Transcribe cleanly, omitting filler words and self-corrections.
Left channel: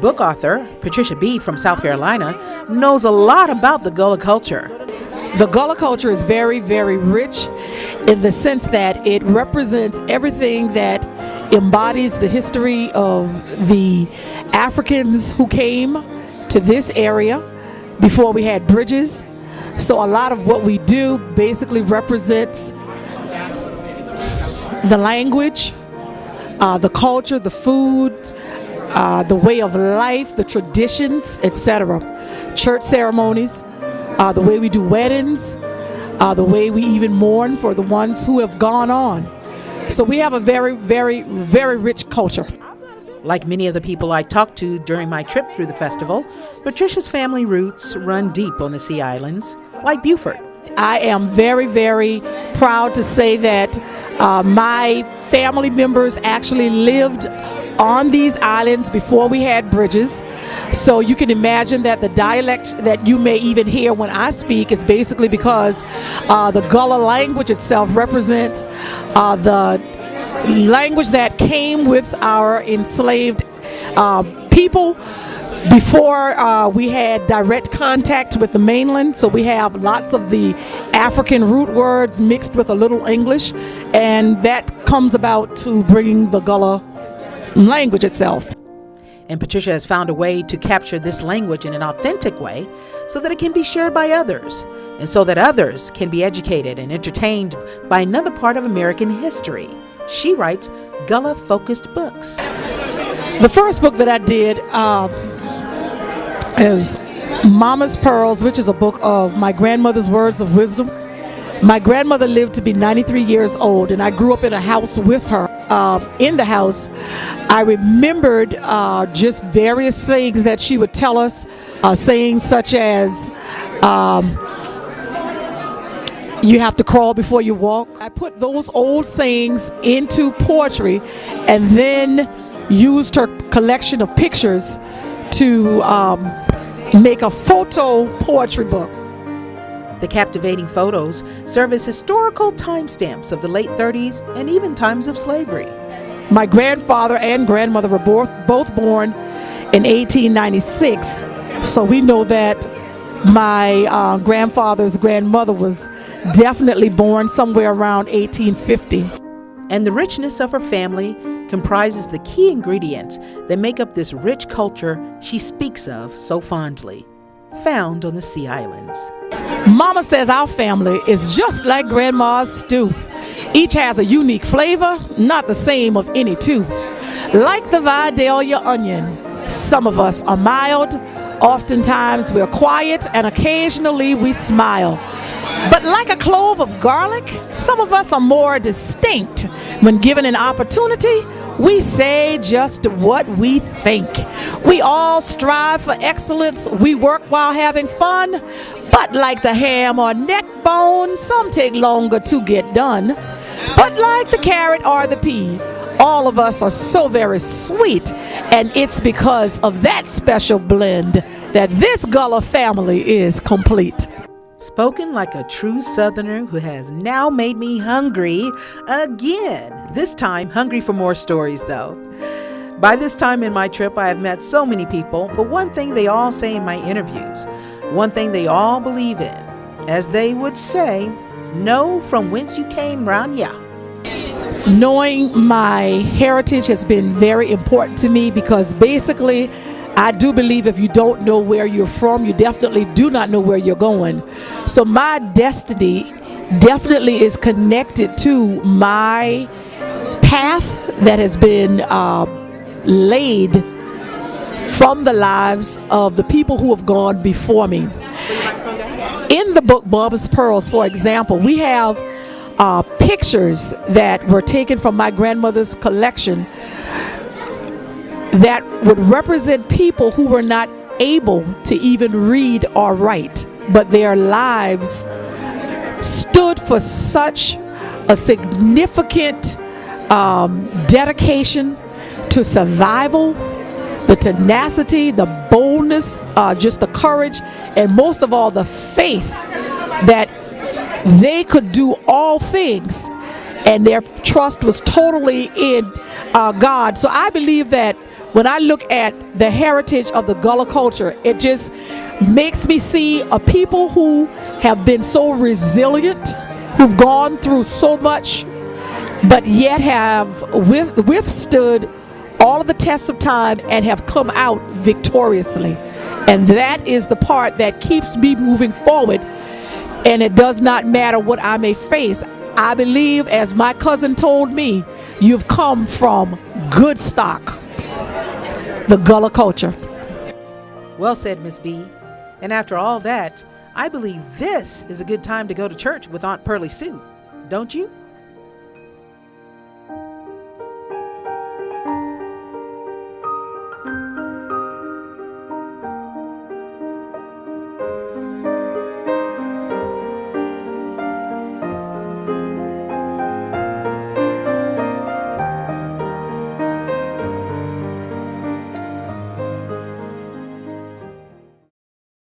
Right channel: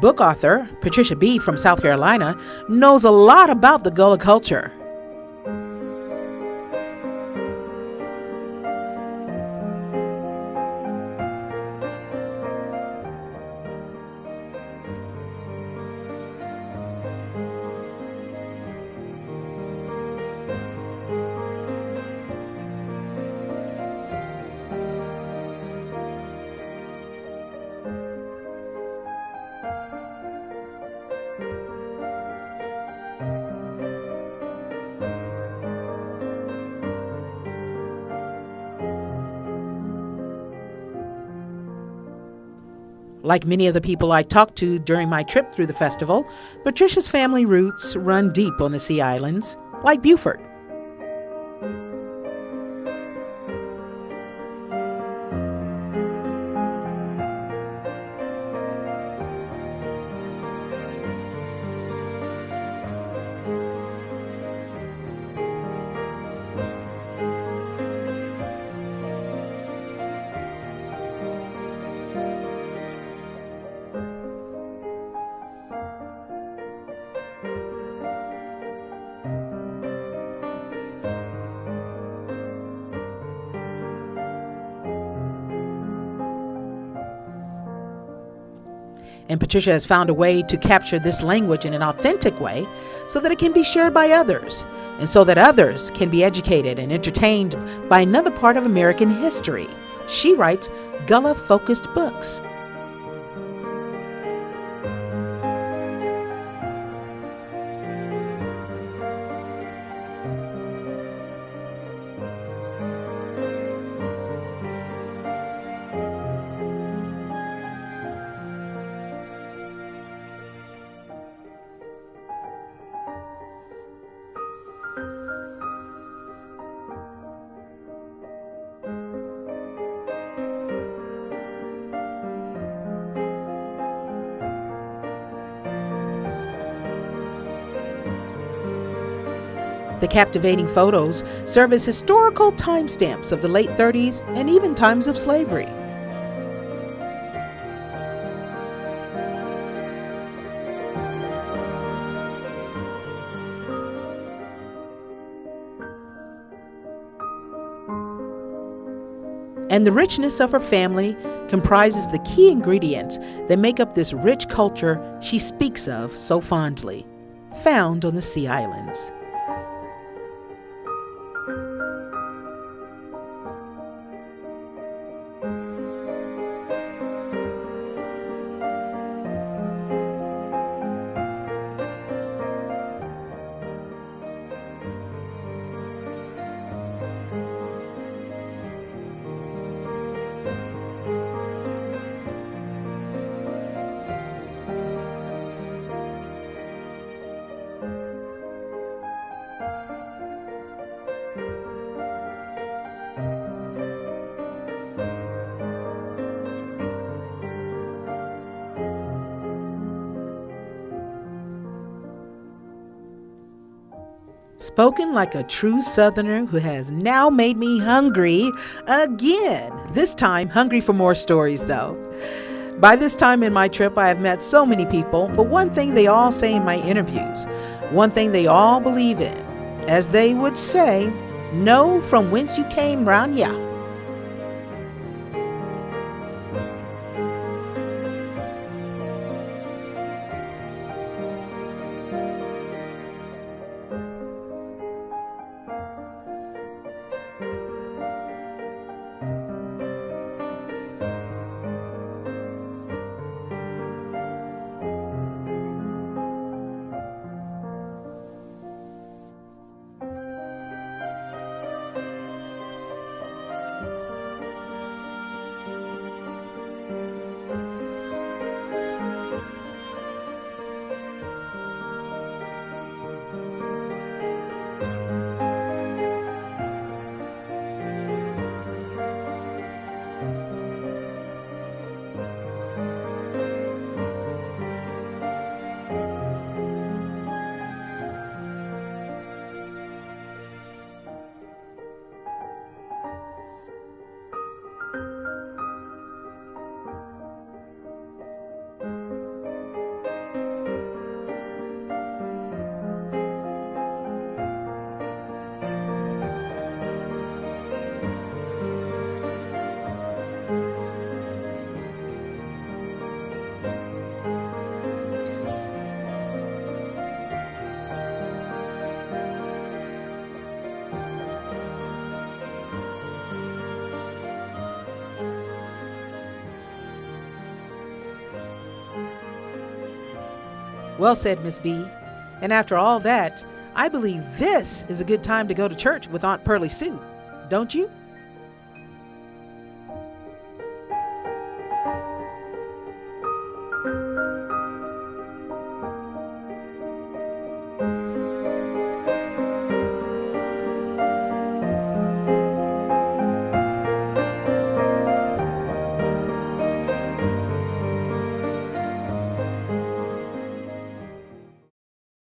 Book author Patricia B. from South Carolina knows a lot about the Gullah culture. The Gullah culture is very, very rich in the sense that it represents everything that embodies the history of the Africans who came to this area before we had bridges. So a lot of what we do basically represents the language, the culture, the food, the way of life, the traditions, etc. Church ceremonies, the way we do weddings, the way we even mourn for the ones who have gone on. So we have a very, very, very rich culture. Like many of the people I talked to during my trip through the festival, Patricia's family roots run deep on the Sea Islands, like Beaufort. I am very, very proud to say that my family members actually lived on these islands before we had bridges. So you can imagine that the dialect that you may even hear when I speak is basically because the Gullah language itself represents the language that came with our enslaved people before we had direct contact with the mainland. So we have lots of the African root words mixed with a little English, and that comes about to bringing the Gullah language itself. And Patricia has found a way to capture this language in an authentic way so that it can be shared by others, and so that others can be educated and entertained by another part of American history. She writes Gullah-focused books. The first book that I did is Mama's Pearls, which is a book of my grandmother's words of wisdom. My grandmother lived to be 93 years old, and I grew up in a house with her. In the house, I remembered just various things that she would tell us, sayings such as, you have to crawl before you walk. I put those old sayings into poetry and then used her collection of pictures to make a photo poetry book. The captivating photos serve as historical timestamps of the late 30s and even times of slavery. My grandfather and grandmother were both born in 1896, so we know that my grandfather's grandmother was definitely born somewhere around 1850. And the richness of her family comprises the key ingredients that make up this rich culture she speaks of so fondly, found on the Sea Islands. Mama says our family is just like Grandma's stew. Each has a unique flavor, not the same of any two. Like the Vidalia onion, some of us are mild, oftentimes we're quiet, and occasionally we smile. But like a clove of garlic, some of us are more distinct. When given an opportunity, we say just what we think. We all strive for excellence. We work while having fun. But like the ham or neck bone, some take longer to get done. But like the carrot or the pea, all of us are so very sweet, and it's because of that special blend that this Gullah family is complete. Spoken like a true Southerner who has now made me hungry again. This time, hungry for more stories, though. By this time in my trip, I have met so many people, but one thing they all say in my interviews, one thing they all believe in, as they would say, know from whence you came round ya. Knowing my heritage has been very important to me because basically I do believe if you don't know where you're from, you definitely do not know where you're going. So my destiny definitely is connected to my path that has been laid from the lives of the people who have gone before me. In the book Mama's Pearls, for example, we have pictures that were taken from my grandmother's collection that would represent people who were not able to even read or write, but their lives stood for such a significant dedication to survival, the tenacity, the boldness, just the courage, and most of all the faith that they could do all things, and their trust was totally in God. So I believe that when I look at the heritage of the Gullah culture, it just makes me see a people who have been so resilient, who've gone through so much, but yet have withstood all of the tests of time and have come out victoriously. And that is the part that keeps me moving forward. And it does not matter what I may face. I believe, as my cousin told me, you've come from good stock, the Gullah culture. Well said, Miss B. And after all that, I believe this is a good time to go to church with Aunt Pearlie Sue, don't you?